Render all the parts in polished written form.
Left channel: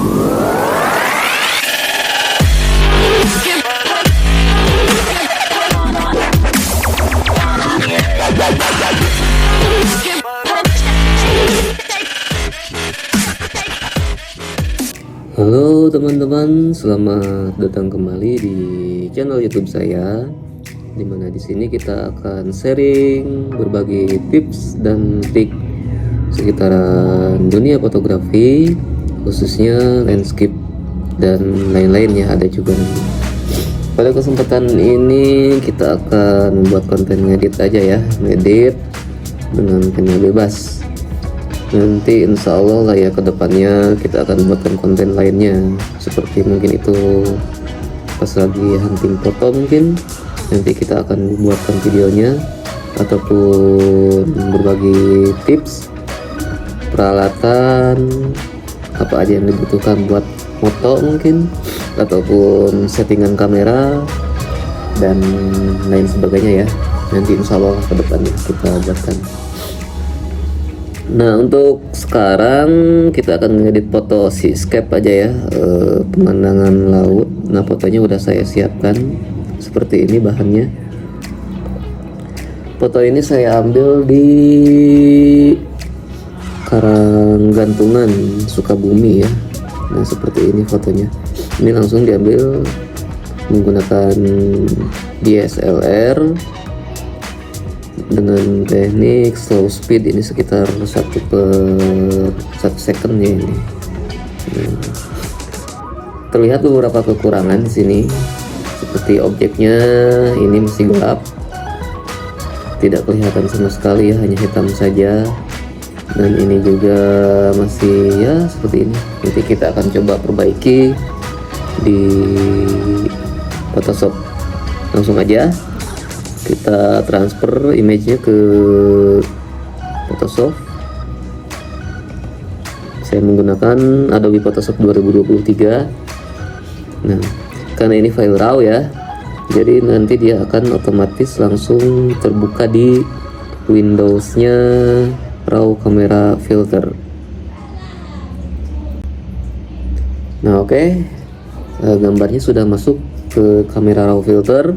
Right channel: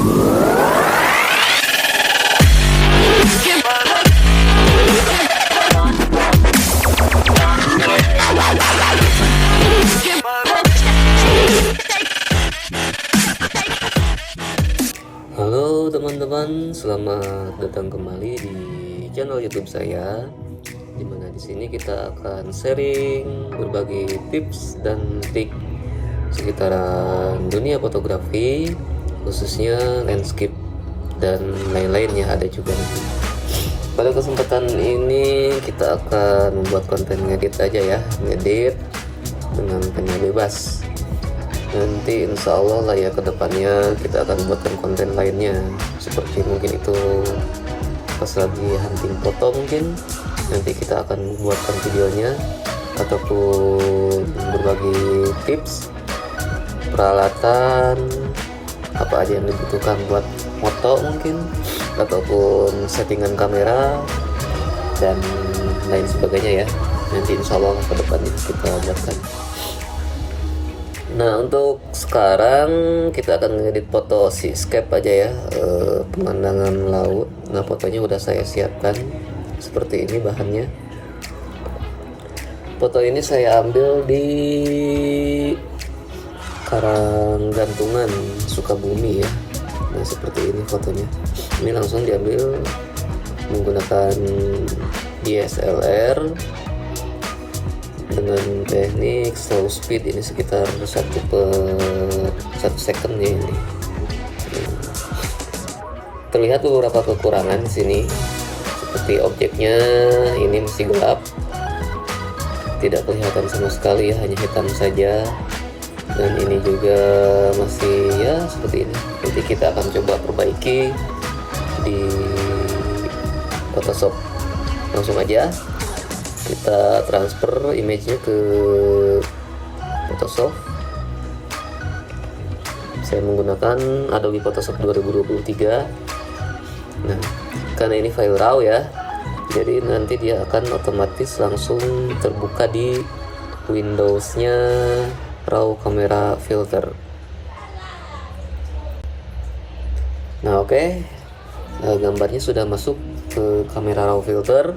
Halo teman-teman, selamat datang kembali di channel YouTube saya. Dimana di sini kita akan sharing berbagi tips dan trik sekitaran dunia fotografi, khususnya landscape dan lain-lain ya, ada juga. Pada kesempatan ini kita akan membuat konten ngedit aja ya, ngedit dengan pena bebas. Nanti insya Allah lah ya, kedepannya kita akan buatkan konten lainnya, seperti mungkin itu pas lagi hunting foto, mungkin nanti kita akan membuatkan videonya, ataupun berbagi tips peralatan apa aja yang dibutuhkan buat foto mungkin, ataupun settingan kamera dan lain sebagainya ya. Nanti insya Allah kedepannya kita buatkan. Nah, untuk sekarang kita akan ngedit foto seascape aja ya, pemandangan laut. Nah, fotonya udah saya siapkan seperti ini bahannya. Foto ini saya ambil di Karanggantungan, Sukabumi ya. Nah, seperti ini fotonya. Ini langsung diambil menggunakan DSLR dengan teknik slow speed, ini sekitar 1/1 second ya ini. Terlihat beberapa kekurangan di sini, seperti objeknya ini masih gelap, tidak kelihatan sama sekali ya, hanya hitam saja. Dan ini juga masih ya seperti ini. Nanti kita akan coba perbaiki di Photoshop. Langsung aja kita transfer image-nya ke Photoshop. Saya menggunakan Adobe Photoshop 2023. Nah, karena ini file RAW ya, jadi nanti dia akan otomatis langsung terbuka di Windows-nya RAW Camera Filter. Nah, oke. Gambarnya sudah masuk ke kamera RAW Filter.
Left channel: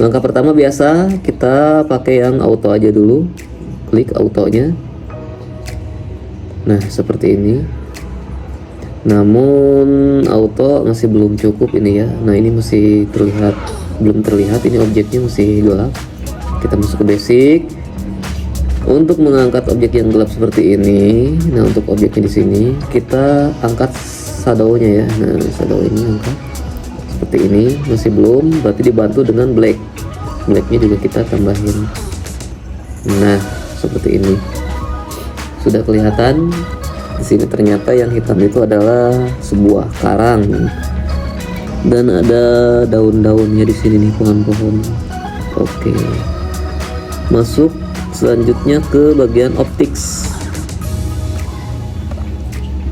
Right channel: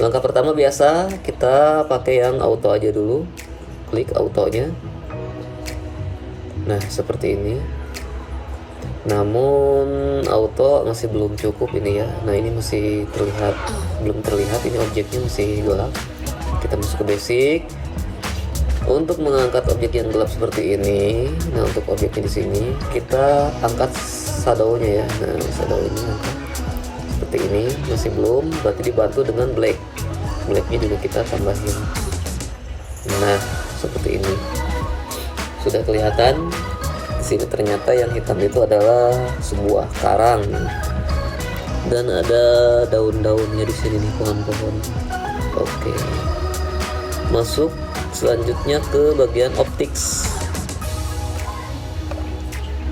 Langkah pertama biasa kita pakai yang auto aja dulu, klik autonya. Nah, seperti ini. Namun auto masih belum cukup ini ya. Nah, ini masih belum terlihat, ini objeknya masih gelap. Kita masuk ke basic. Untuk mengangkat objek yang gelap seperti ini, nah untuk objeknya di sini kita angkat shadownya ya. Nah, shadow ini angkat seperti ini, masih belum, berarti dibantu dengan blacknya juga kita tambahin. Nah, seperti ini sudah kelihatan. Di sini ternyata yang hitam itu adalah sebuah karang dan ada daun-daunnya di sini nih, pohon-pohon. Oke, masuk selanjutnya ke bagian optics.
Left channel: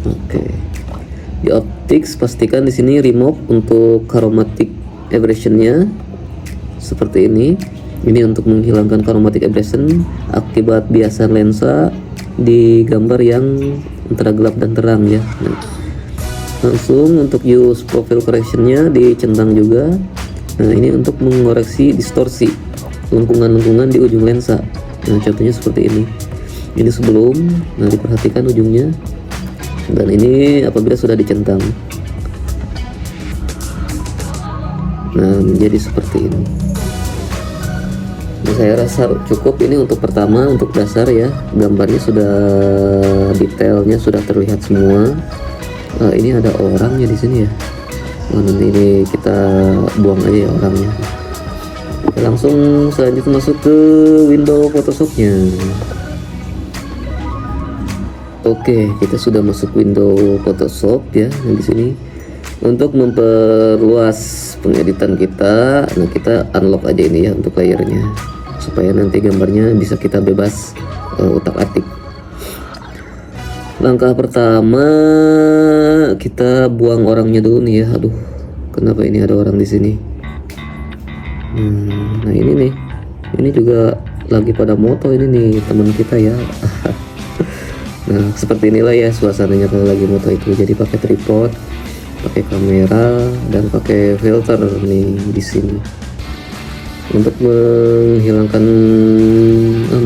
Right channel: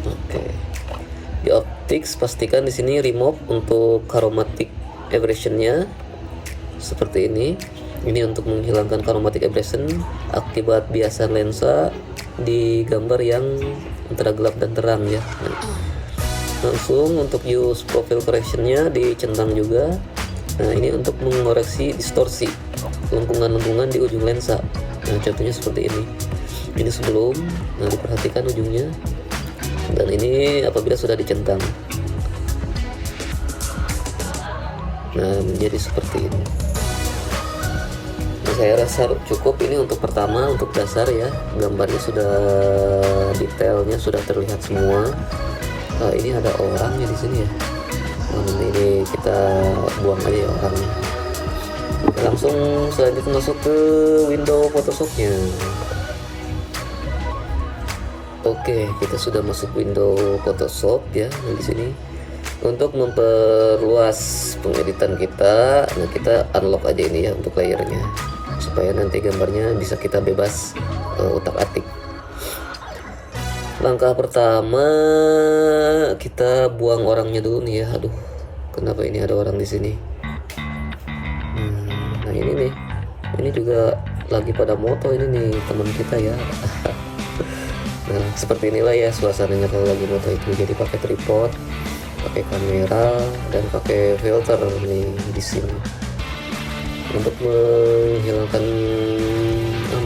Oke, di optics pastikan di sini remove untuk chromatic aberration-nya seperti ini. Ini untuk menghilangkan chromatic aberration akibat biasan lensa di gambar yang antara gelap dan terang ya. Langsung untuk use profile correction-nya dicentang juga. Nah, ini untuk mengoreksi distorsi lengkungan-lengkungan di ujung lensa. Nah, contohnya seperti ini. Ini sebelum, nah diperhatikan ujungnya. Dan ini apabila sudah dicentang. Nah, menjadi seperti ini. Nah, saya rasa cukup ini untuk pertama, untuk dasar ya. Gambarnya sudah detailnya sudah terlihat semua. Nah, ini ada orangnya di sini ya. Nah, nanti ini kita buang aja ya orangnya. Langsung selanjutnya masuk ke window Photoshop-nya. Oke, kita sudah masuk window Photoshop ya. Nah, di sini untuk memperluas pengeditan kita, nah kita unlock aja ini ya untuk layernya, supaya nanti gambarnya bisa kita bebas utak-atik. Langkah pertama kita buang orangnya dulu nih ya. Aduh, kenapa ini ada orang di sini? Nah, ini nih, ini juga lagi pada moto ini nih teman kita ya. Nah, seperti inilah ya suasananya kalau lagi moto itu. Jadi pakai tripod, pakai kamera, dan pakai filter nih di sini. Untuk menghilangkan,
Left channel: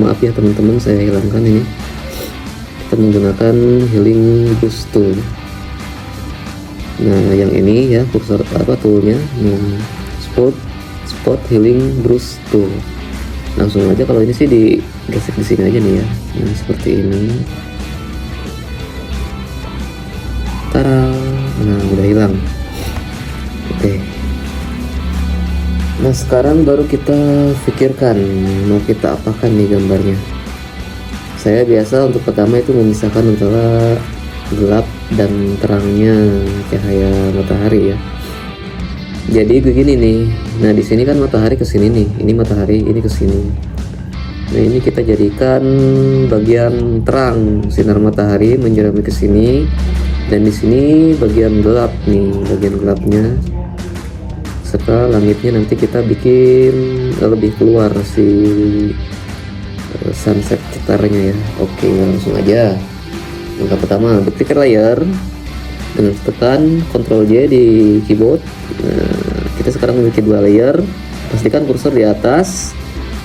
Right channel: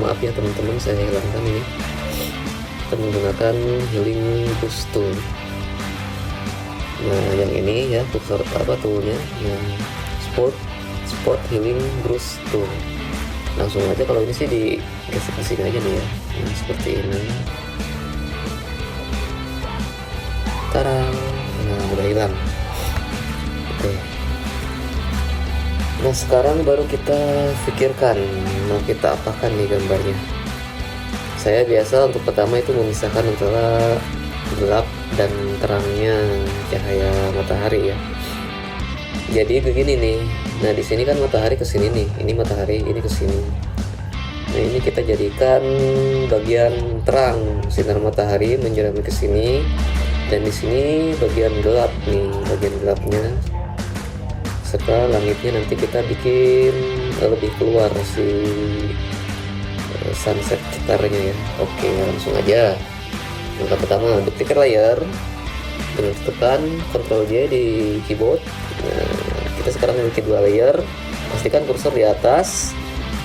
maaf ya teman-teman, saya hilangkan ini. Kita menggunakan healing brush tool. Nah, yang ini ya kursor toolnya, spot healing brush tool. Langsung aja kalau ini sih digesek di sini aja nih ya. Nah, seperti ini. Tara, nah udah hilang. Oke. Nah, sekarang baru kita pikirkan mau kita apakan nih gambarnya. Saya biasa untuk pertama itu memisahkan antara gelap dan terangnya cahaya matahari ya. Jadi begini nih. Nah, di sini kan matahari ke sini nih. Ini matahari, ini ke sini. Nah, ini kita jadikan bagian terang, sinar matahari menjerami ke sini, dan di sini bagian gelap nih, bagian gelapnya. Serta langitnya nanti kita bikin lebih keluar si sunset cetarnya ya. Oke, langsung aja. Langkah pertama, duplicate layer dengan tekan Ctrl J di keyboard. Nah, kita sekarang memiliki dua layer. Pastikan kursor di atas,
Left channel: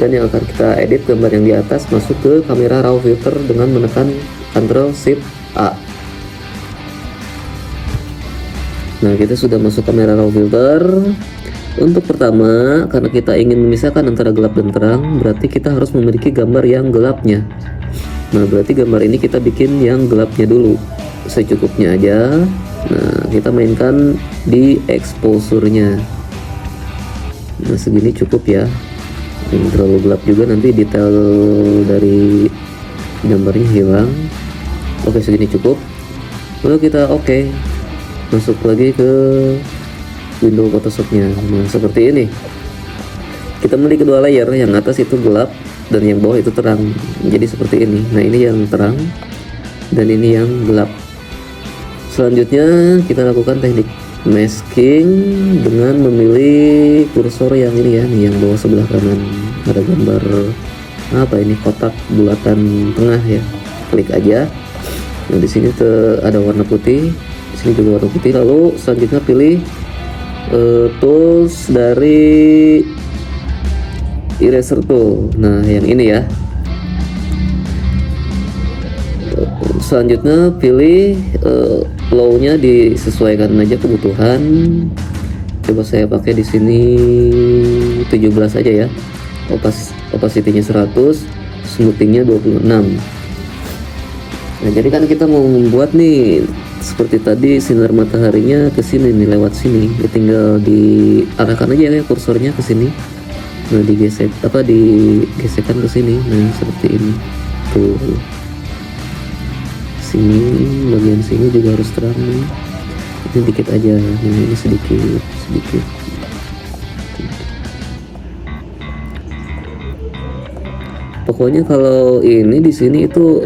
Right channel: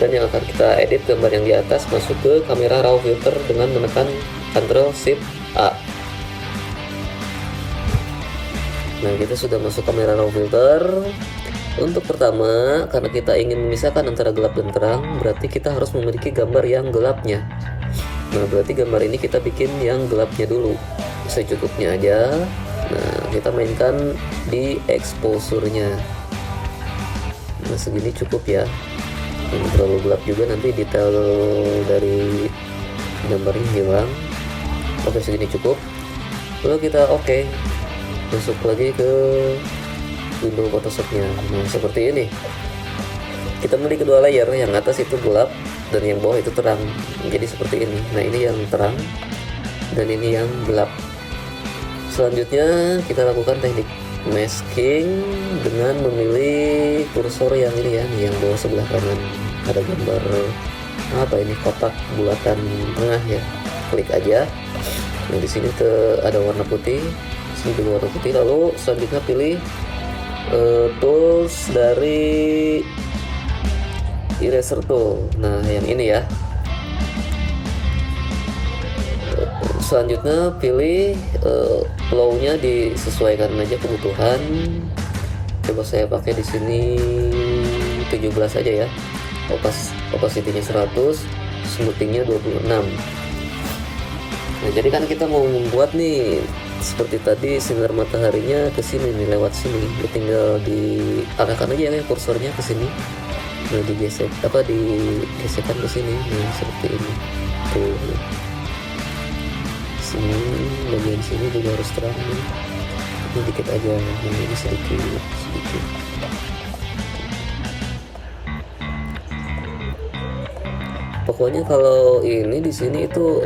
dan yang akan kita edit gambar yang di atas masuk ke kamera raw filter dengan menekan Ctrl Shift A. Nah, kita sudah masuk kamera raw filter. Untuk pertama, karena kita ingin memisahkan antara gelap dan terang, berarti kita harus memiliki gambar yang gelapnya. Nah, berarti gambar ini kita bikin yang gelapnya dulu, secukupnya aja. Nah, kita mainkan di exposure-nya. Nah, segini cukup ya. Ini terlalu gelap juga, nanti detail dari gambarnya hilang. Oke, segini cukup. Lalu kita masuk lagi ke window Photoshop-nya. Nah, seperti ini. Kita memiliki kedua layer, yang atas itu gelap dan yang bawah itu terang. Jadi seperti ini. Nah, ini yang terang dan ini yang gelap. Selanjutnya kita lakukan teknik masking dengan memilih kursor yang ini ya, nih yang bawah sebelah kanan. Ada gambar apa ini, kotak bulatan tengah ya. Klik aja. Nah, di sini ada warna putih. Di sini juga warna putih. Lalu selanjutnya pilih tools dari eraser tool. Nah, yang ini ya. Selanjutnya pilih flow-nya, disesuaikan aja kebutuhan. Coba saya pakai di sini 17 aja ya. Opacity-nya 100, smoothing-nya 26. Nah, jadi kan kita mau membuat nih seperti tadi sinar mataharinya ke sini nih, lewat sini. Tinggal diarahkan aja ya kursornya ke sini. Nah, digesekkan ke sini. Nah, seperti ini. Tuh. Sini, bagian sini juga harus terang nih. Ini dikit aja, ini sedikit. Pokoknya kalau ini di sini itu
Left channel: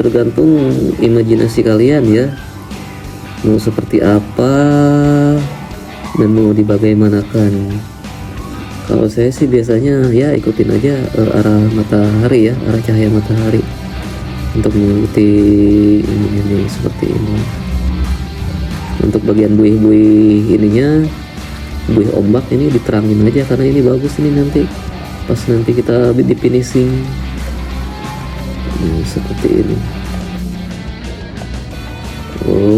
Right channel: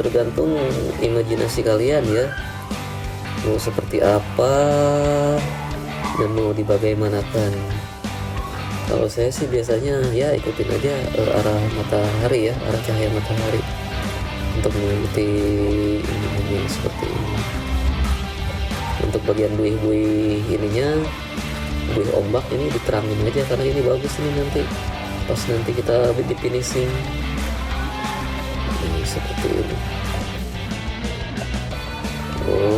tergantung imajinasi kalian ya. Mau seperti apa dan mau dibagaimanakan. Kalau saya sih biasanya ya ikutin aja arah matahari ya, arah cahaya matahari untuk mengikuti ini seperti ini. Untuk bagian buih-buih ininya, buih ombak ini diterangin aja karena ini bagus ini nanti pas nanti kita di finishing. Seperti ini.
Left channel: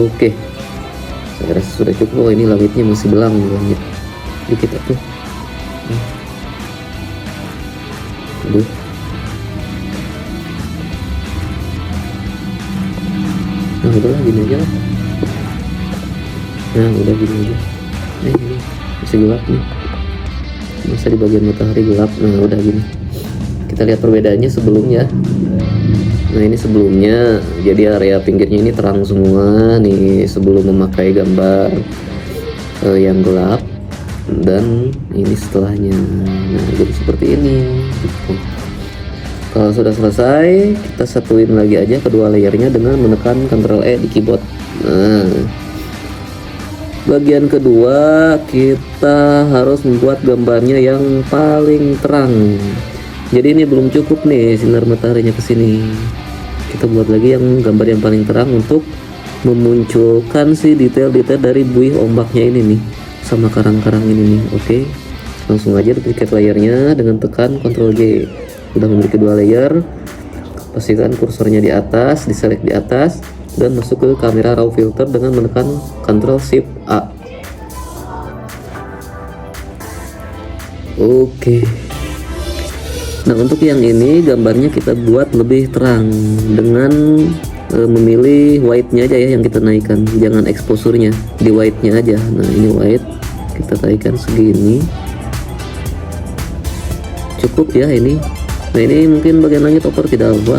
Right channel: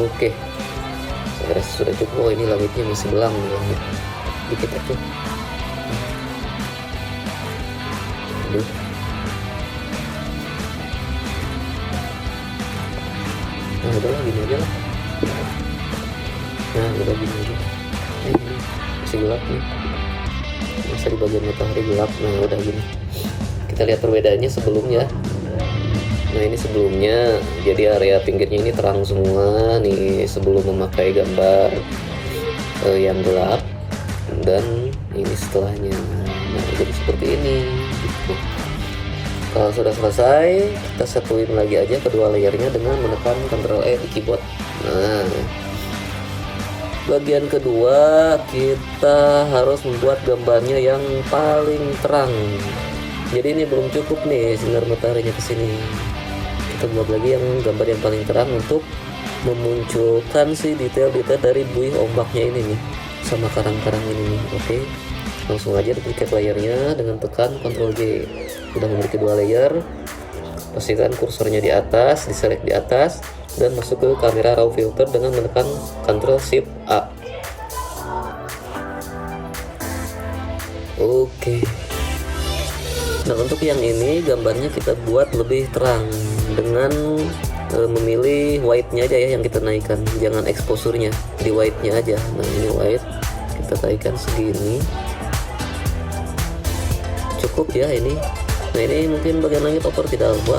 Oke. Saya rasa sudah cukup. Oh, ini langitnya masih belang langit. Dikit tuh. Aduh. Nah, udah lah, gini aja lah. Nah, udah gini aja. Masih gelap nih. Masa di bagian matahari gelap. Nah, udah gini. Kita lihat perbedaannya sebelumnya. Nah, ini sebelumnya, jadi area pinggirnya ini terang semua nih sebelum memakai gambar yang gelap, dan ini setelahnya. Nah, jadi seperti ini gitu. Kalau sudah selesai, kita satuin lagi aja kedua layernya dengan menekan Ctrl E di keyboard. Nah, bagian kedua kita harus membuat gambarnya yang paling terang. Jadi ini belum cukup nih sinar mataharinya ke sini. Kita buat lagi yang gambar yang paling terang untuk memunculkan si detail-detail dari buih ombaknya ini nih, sama karang-karang ini nih. Oke, langsung aja duplicate layernya dengan tekan Ctrl J. Udah memiliki 2 layer, pastikan kursornya di atas, diselect di atas, dan masuk ke kamera raw filter dengan menekan Ctrl Shift A. Oke. Nah, untuk yang ini gambarnya kita buat lebih terang dengan memilih white-nya aja ya yang kita naikkan, jangan exposure-nya, di white-nya aja. Nah, ini white, kita naikkan segini. Cukup ya ini. Nah, ini mungkin bagian langit over tidak apa,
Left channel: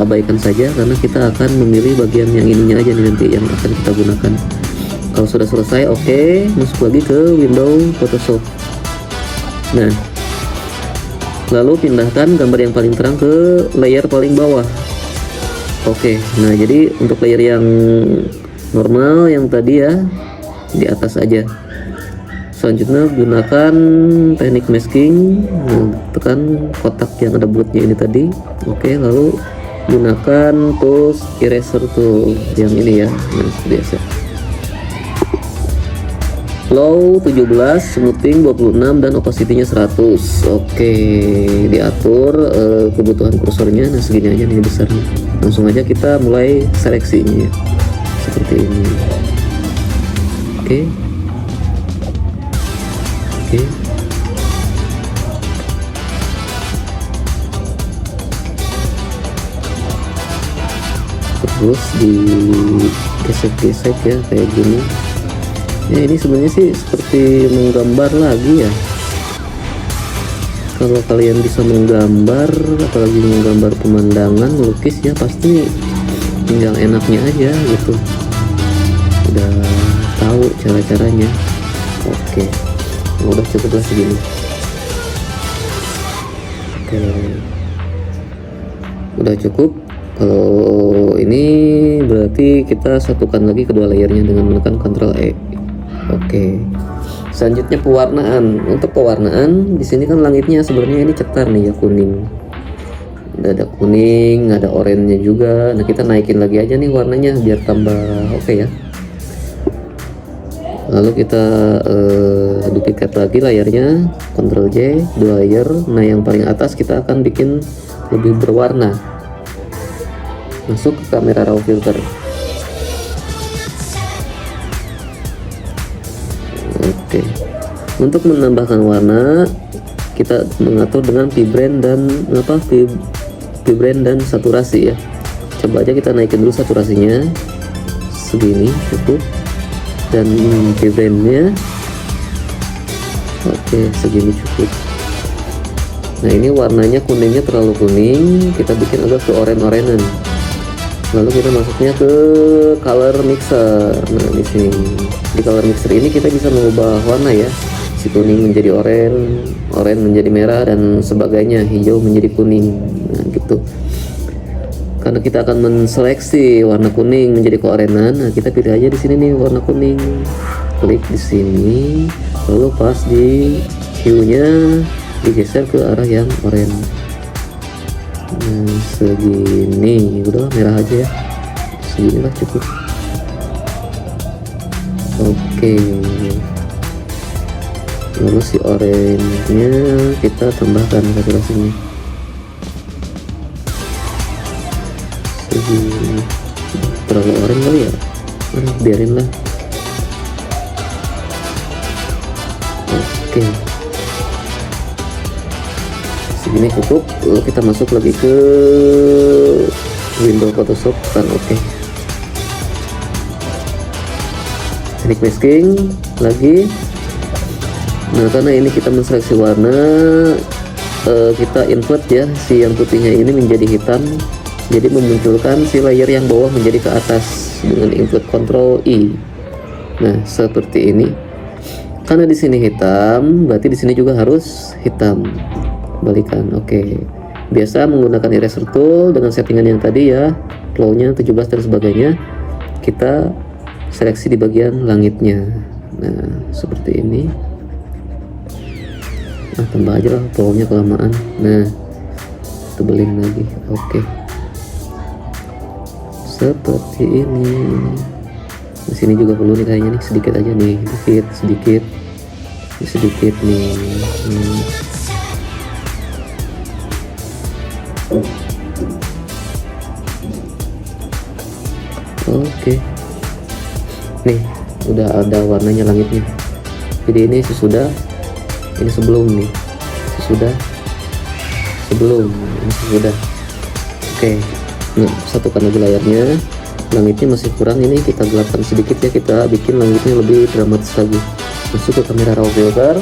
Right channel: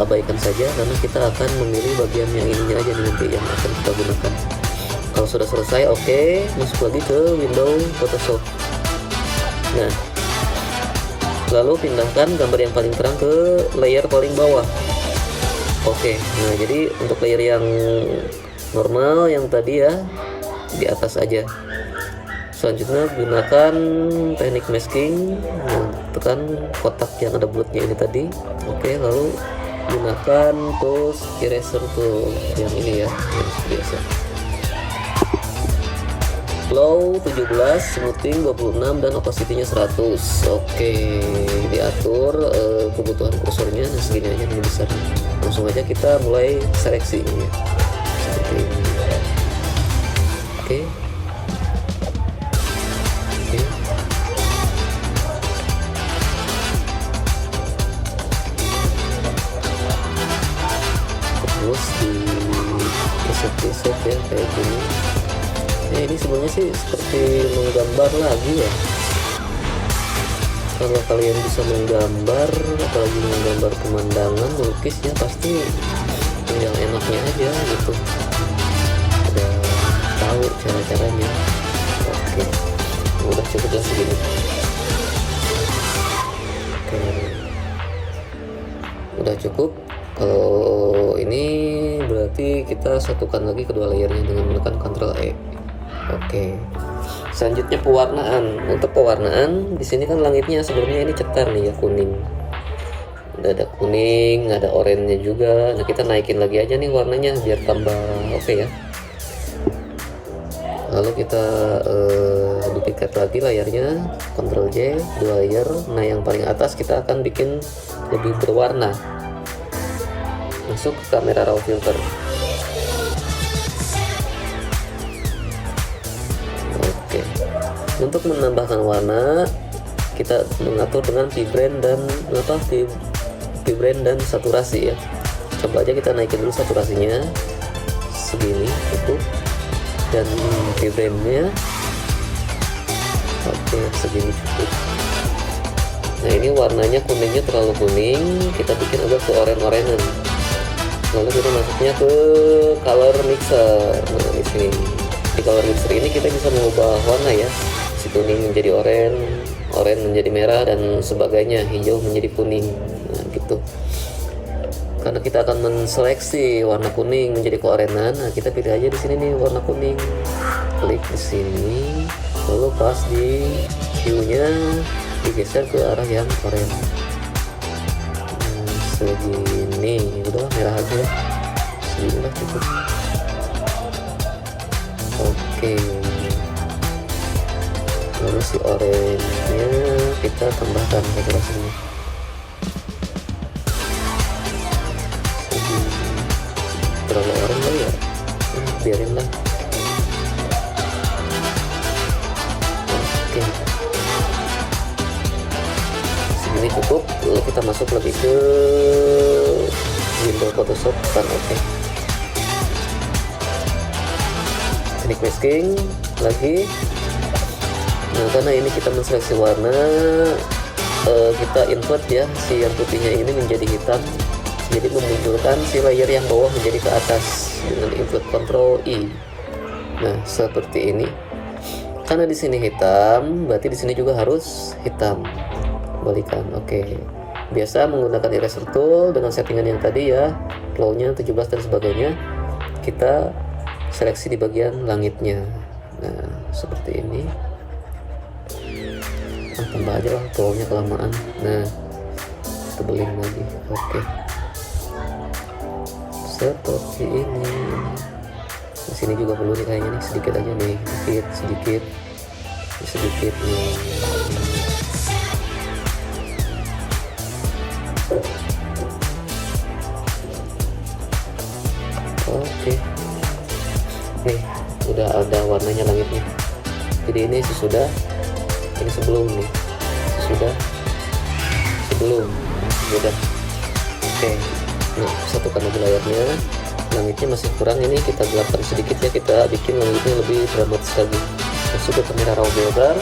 abaikan saja karena kita akan memilih bagian yang ininya aja nih nanti yang akan kita gunakan. Kalau sudah selesai, oke, masuk lagi ke window Photoshop. Nah, lalu pindahkan gambar yang paling terang ke layer paling bawah. Oke, nah jadi untuk layer yang normal yang tadi ya di atas aja. Selanjutnya gunakan teknik masking, tekan kotak yang ada bulutnya ini tadi. Oke, lalu gunakan tools eraser tool yang ini ya, yang biasa. Flow 17, smoothing 26, dan opacity-nya 100. Oke, diatur kebutuhan kursornya. Nah, segini aja nih besarnya. Langsung aja kita mulai seleksi ini ya. Seperti ini. Oke. Oke. Terus di gesek-gesek ya kayak gini. Ya, ini sebenarnya sih seperti menggambar lagi ya. Kalau kalian bisa menggambar, apalagi menggambar pemandangan, lukis ya, pasti tinggal enaknya aja gitu. Udah tahu cara-caranya. Oke, udah cukup lah segini. Oke, udah cukup. Kalau ini berarti kita satukan lagi kedua layernya dengan menekan Ctrl E. Oke, selanjutnya pewarnaan. Untuk pewarnaan di sini kan langitnya sebenarnya ini cetar nih ya, kuning. Ada kuning, ada oranye juga. Nah, kita naikin lagi aja nih warnanya biar tambah oke ya. Lalu kita duplicate lagi layarnya, Ctrl J, 2 layer. Nah, yang paling atas kita akan bikin lebih berwarna. Masuk ke kamera raw filter. Oke, untuk menambahkan warna kita mengatur dengan vibrant dan saturasi ya. Coba aja kita naikin dulu saturasinya segini cukup, dan vibrantnya oke segini cukup. Nah, ini warnanya kuningnya terlalu kuning, kita bikin agak ke oranye-oranyan. Lalu kita masuknya ke color mixer. Nah, di sini di color mixer ini kita bisa mengubah warna ya, si kuning menjadi oranye menjadi merah, dan sebagainya, hijau menjadi kuning. Nah, gitu. Karena kita akan menseleksi warna kuning menjadi keorenan, nah kita pilih aja di sini nih warna kuning. Klik di sini, lalu pas di hue-nya digeser ke arah yang oranye. Nah, segini, udah merah aja ya, segini lah cukup. Oke, lalu si oranye-nya kita tambahkan saturasinya segini. Terlalu oranye kali ya, biarin lah. Oke, segini cukup. Lalu kita masuk lagi ke window Photoshop kan. Oke, teknik masking lagi. Nah, karena ini kita menseleksi warna, kita invert ya si yang putihnya ini menjadi hitam, jadi memunculkan si layer yang bawah menjadi ke atas dengan invert Ctrl I. Nah, seperti ini. Karena di sini hitam, berarti di sini juga harus hitam. Balikan. Oke. Biasa menggunakan eraser tool dengan settingan yang tadi ya, flow-nya 17 dan sebagainya. Kita seleksi di bagian langitnya. Nah, seperti ini. Nah, tambah aja lah, flow-nya kelamaan. Nah, tebelin lagi. Oke. seperti ini. Di sini juga perlu nih kayaknya nih, sedikit aja nih, sedikit nih. Oke. Nih, udah ada warnanya langitnya. Jadi ini sesudah, ini sebelum nih. Sebelum, sudah. Oke. Nah, satukan lagi layarnya. Langitnya masih kurang, ini kita gelapkan sedikit ya, kita bikin langitnya lebih dramatis lagi. Masuk ke kamera raw filter.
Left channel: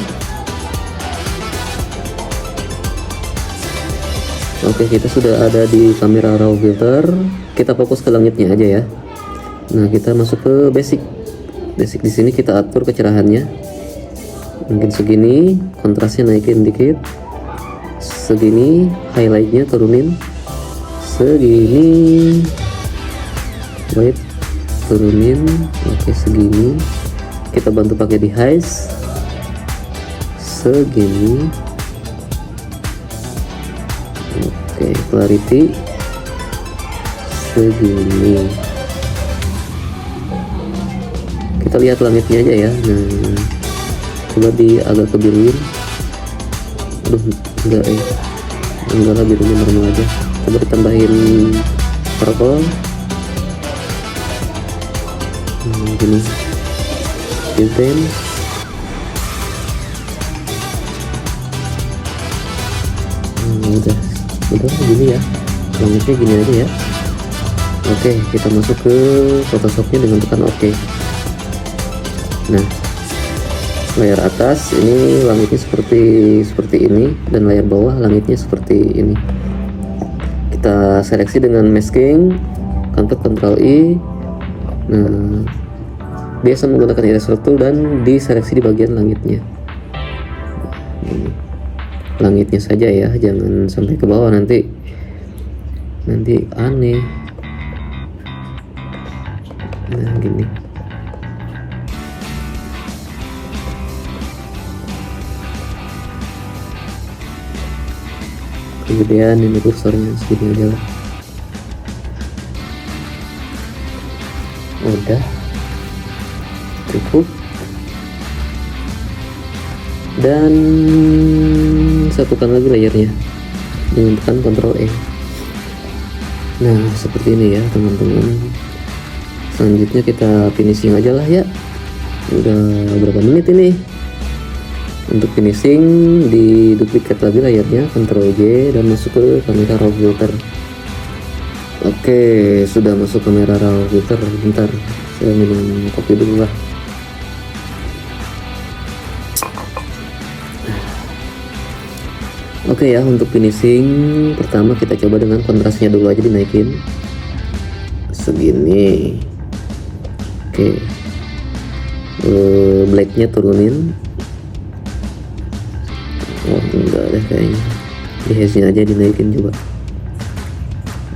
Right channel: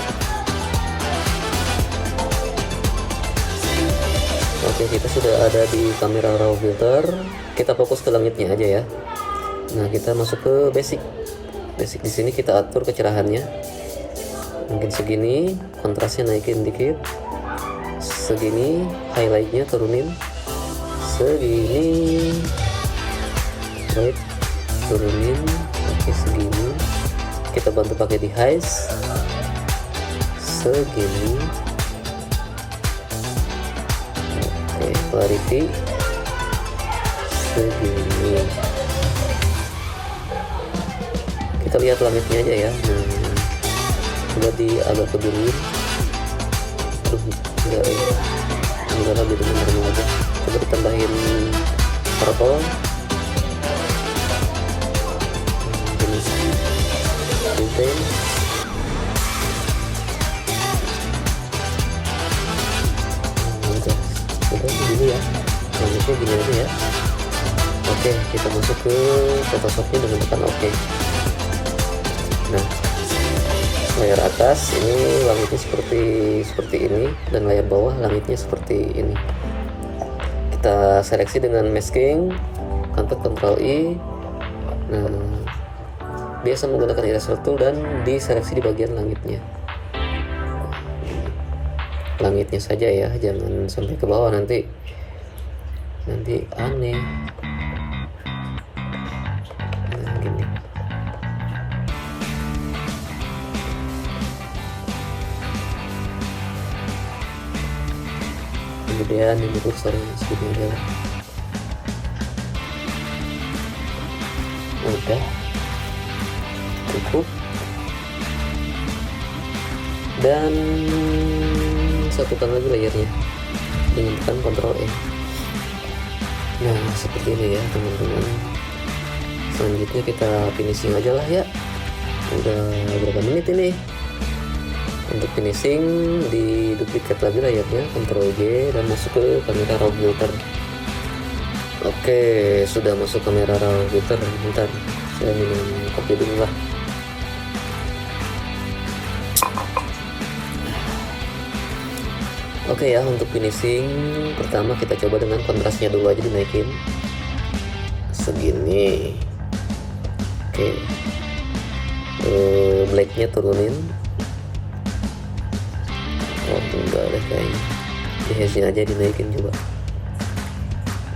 Oke, kita sudah ada di kamera raw filter. Kita fokus ke langitnya aja ya. Nah, kita masuk ke basic. Di sini kita atur kecerahannya. Mungkin segini, kontrasnya naikin dikit. Segini, highlightnya turunin. Segini, white turunin. Oke, segini. Kita bantu pakai di highs. Segini. Oke, clarity segini. Kita lihat langitnya aja ya. Nah, coba agak kebiruin. Enggak ya, enggak lah, birunya normal aja. Coba ditambahin purple. Gini, filter. Udah begini ya, langitnya gini aja ya. Oke, kita masuk ke Photoshopnya dengan tekan OK. Nah, layar atas ini langitnya seperti ini, dan layar bawah langitnya seperti ini. Kita seleksi dengan masking, Ctrl I. Nah, biasa menggunakan eraser tool dan diseleksi di bagian langitnya. Langitnya saja ya, jangan sampai ke bawah, nanti aneh. Nah, gini. Kegedean ini kursornya, segini aja lah. Udah cukup. Dan satukan lagi layarnya dengan tekan Ctrl E. Nah, seperti ini ya teman-teman. Selanjutnya kita finishing aja lah ya. Udah berapa menit ini? Untuk finishing, di duplicate lagi layarnya, Ctrl J, dan masuk ke kamera raw filter. Oke, sudah masuk kamera raw filter. Bentar, saya minum kopi dulu lah. Oke ya, untuk finishing pertama kita coba dengan kontrasnya dulu aja dinaikin segini. Oke, blacknya turunin. Oh, enggak deh kayaknya, di haze-nya aja dinaikin coba.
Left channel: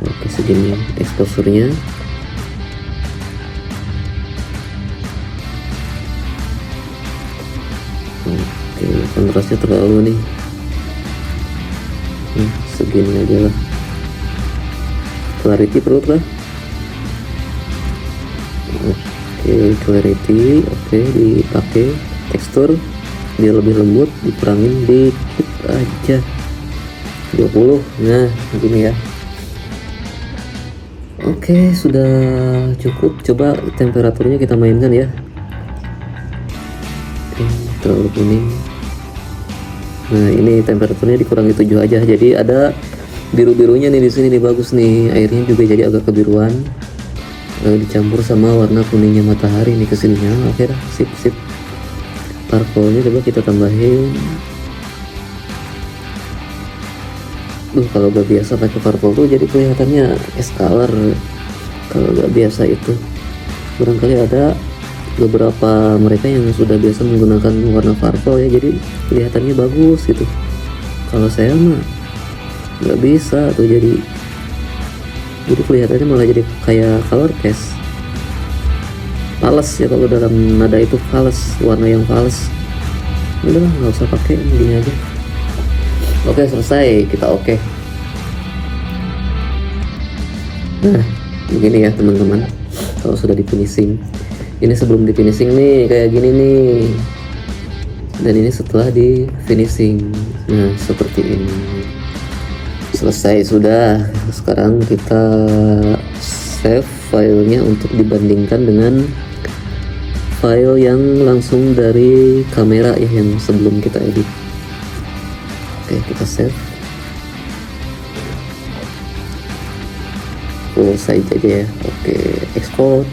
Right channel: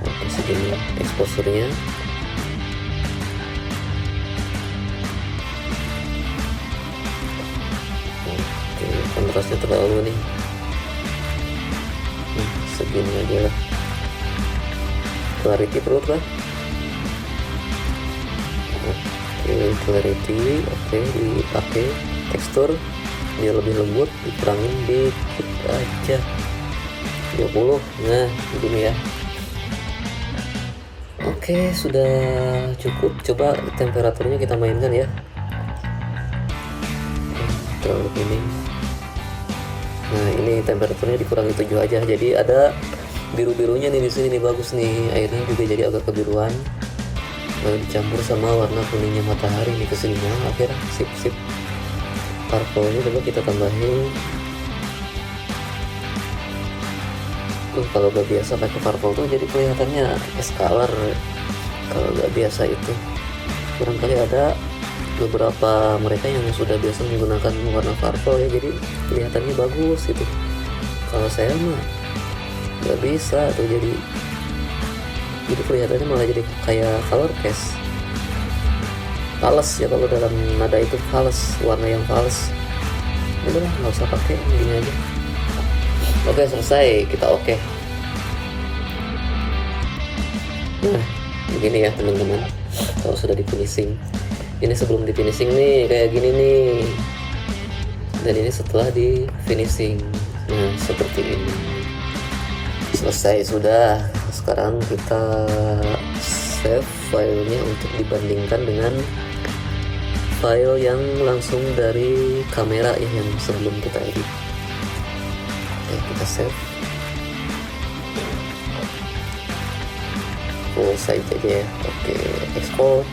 Oke, segini exposure-nya. Oke, kontrasnya terlalu nih. Segini aja lah. Clarity perlu lah. Oke, clarity oke, dipakai. Tekstur biar lebih lembut dikurangin dikit aja, 20. Nah, begini ya. Oke, sudah cukup. Coba temperaturnya kita mainkan ya. Oke, terlalu kuning. Nah, ini temperaturnya dikurangi 7 aja, jadi ada biru-birunya nih di sini nih, bagus nih. Airnya juga jadi agak kebiruan, lalu dicampur sama warna kuningnya matahari nih kesini. Nah, oke dah, sip. Purple-nya coba kita tambahin. Kalau gak biasa pakai purple tuh jadi kelihatannya es color. Kalau gak biasa itu, barangkali ada beberapa mereka yang sudah biasa menggunakan warna purple ya, jadi kelihatannya bagus gitu. Kalau saya mah nggak bisa tuh, jadi kelihatannya malah jadi kayak color cast, fals ya, kalau dalam nada itu fals, warna yang fals. Udah nggak usah pakai, gini aja. Oke, selesai, kita oke. Nah, begini ya teman-teman. Kalau sudah di finishing, ini sebelum di finishing nih kayak gini nih, dan ini setelah di finishing. Nah seperti ini. Selesai sudah. Sekarang kita save filenya untuk dibandingkan dengan file yang langsung dari kamera ya, yang sebelum kita edit. Oke, kita save full size aja ya. Oke, export.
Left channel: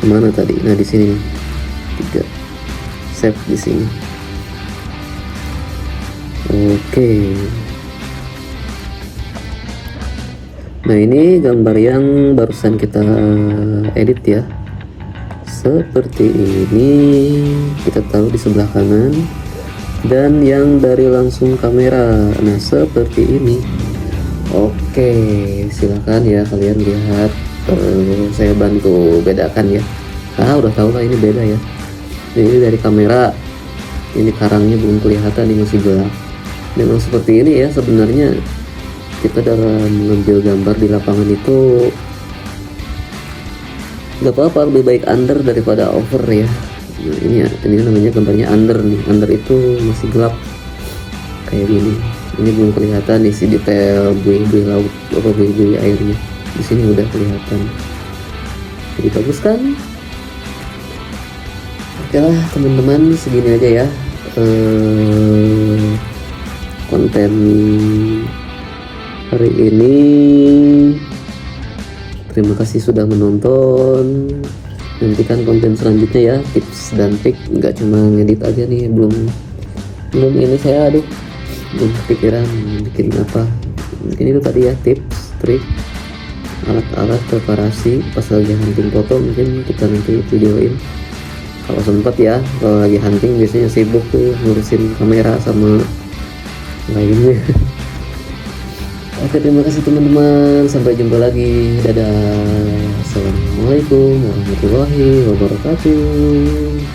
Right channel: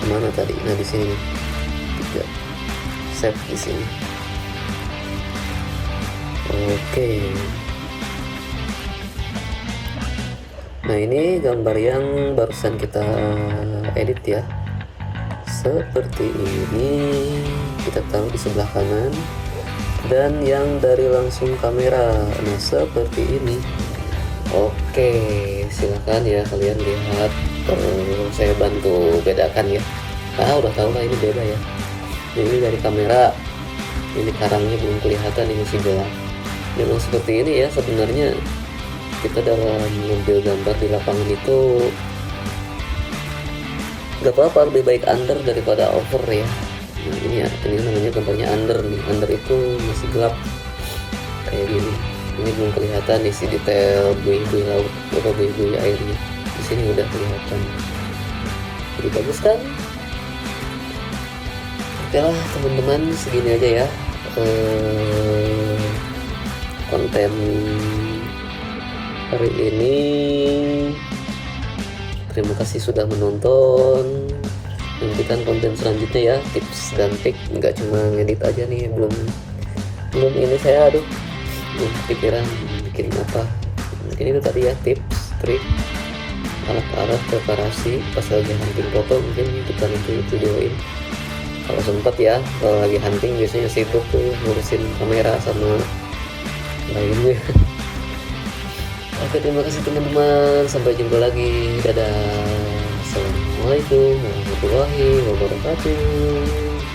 Kemana tadi? Nah di sini. Save di sini. Oke. Nah ini gambar yang barusan kita edit ya. Seperti ini. Kita taruh di sebelah kanan. Dan yang dari langsung kamera. Nah seperti ini. Oke, silakan ya kalian lihat. Saya bantu bedakan ya. Udah tahu lah ini beda ya. Ini dari kamera. Ini karangnya belum kelihatan, ini masih gelap. Memang seperti ini ya sebenarnya. Kita dalam mengambil gambar di lapangan itu nggak apa-apa, lebih baik under daripada over ya. Nah, ini namanya gambarnya under nih. Under itu masih gelap kayak gini. Ini belum kelihatan isi detail buih-buih laut atau buih-buih airnya. Di sini udah kelihatan. Jadi bagus kan? Oke lah teman-teman, segini aja ya konten hari ini. Terima kasih sudah menonton. Nantikan konten selanjutnya ya, tips dan trik. Nggak cuma ngedit aja nih, belum ini saya belum pikiran bikin apa. Mungkin itu tadi ya, tips trik alat-alat preparasi pas lagi bikin foto. Mungkin kita nanti videoin kalau sempat ya. Kalau lagi hunting biasanya sibuk tuh ngurusin kamera sama lainnya. Oke, terima kasih teman-teman, sampai jumpa lagi, dadah. Assalamualaikum warahmatullahi wabarakatuh.